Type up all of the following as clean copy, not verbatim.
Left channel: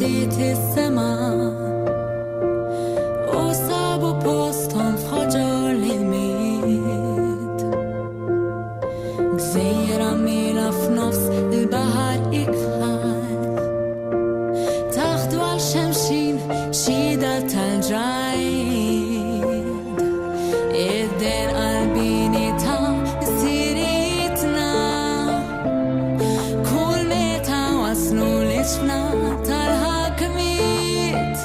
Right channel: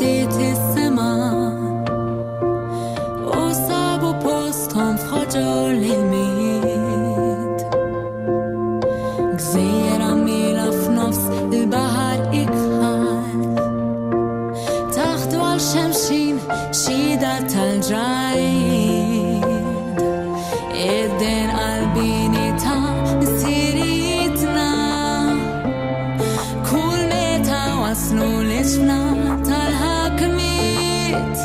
għaddiet is-sema u sabu posthom f'ħoġor l-miet. Gżejjer għamila f'nofs il-baħar ikħal taħdu għal xemxin xida tal-ġrajd. Id-den qalbini ta' siritna kull meta waslu l-iċfna tal-ħakmiet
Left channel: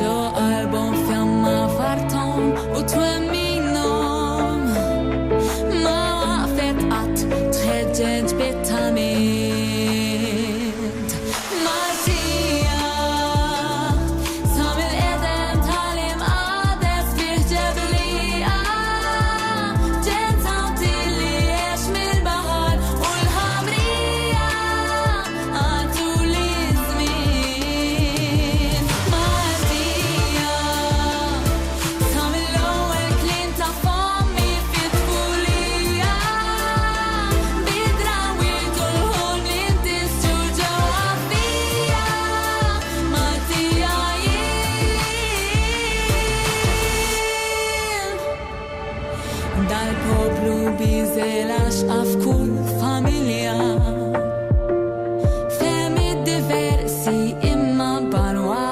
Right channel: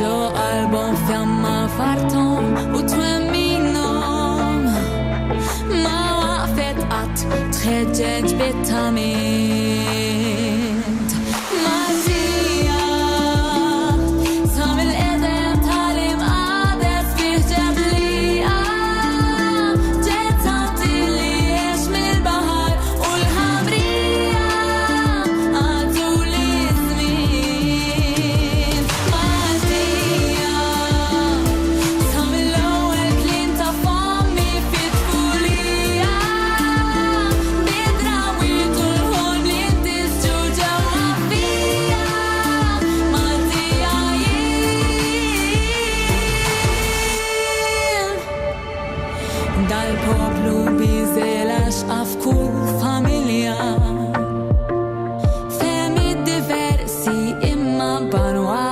ġo qalbhom fjamma fartom u twemminom ma waqfet qatt tħeġġeġ bit-tamiet. Maltija sa mill-qedem tal-imqades fih ġeblija ġiet sawti li għex mill-baħar u l-ħamrija għaddu li żmien. Maltija sa mill-ewwel kliem ta' fommi fit-tfulija bid-drawwiet u l-ħolm li ntisġu ġewwa fija. Maltija jien dal-poplu biżel għaxqa f'kull familja fehmiet diversi imma banwa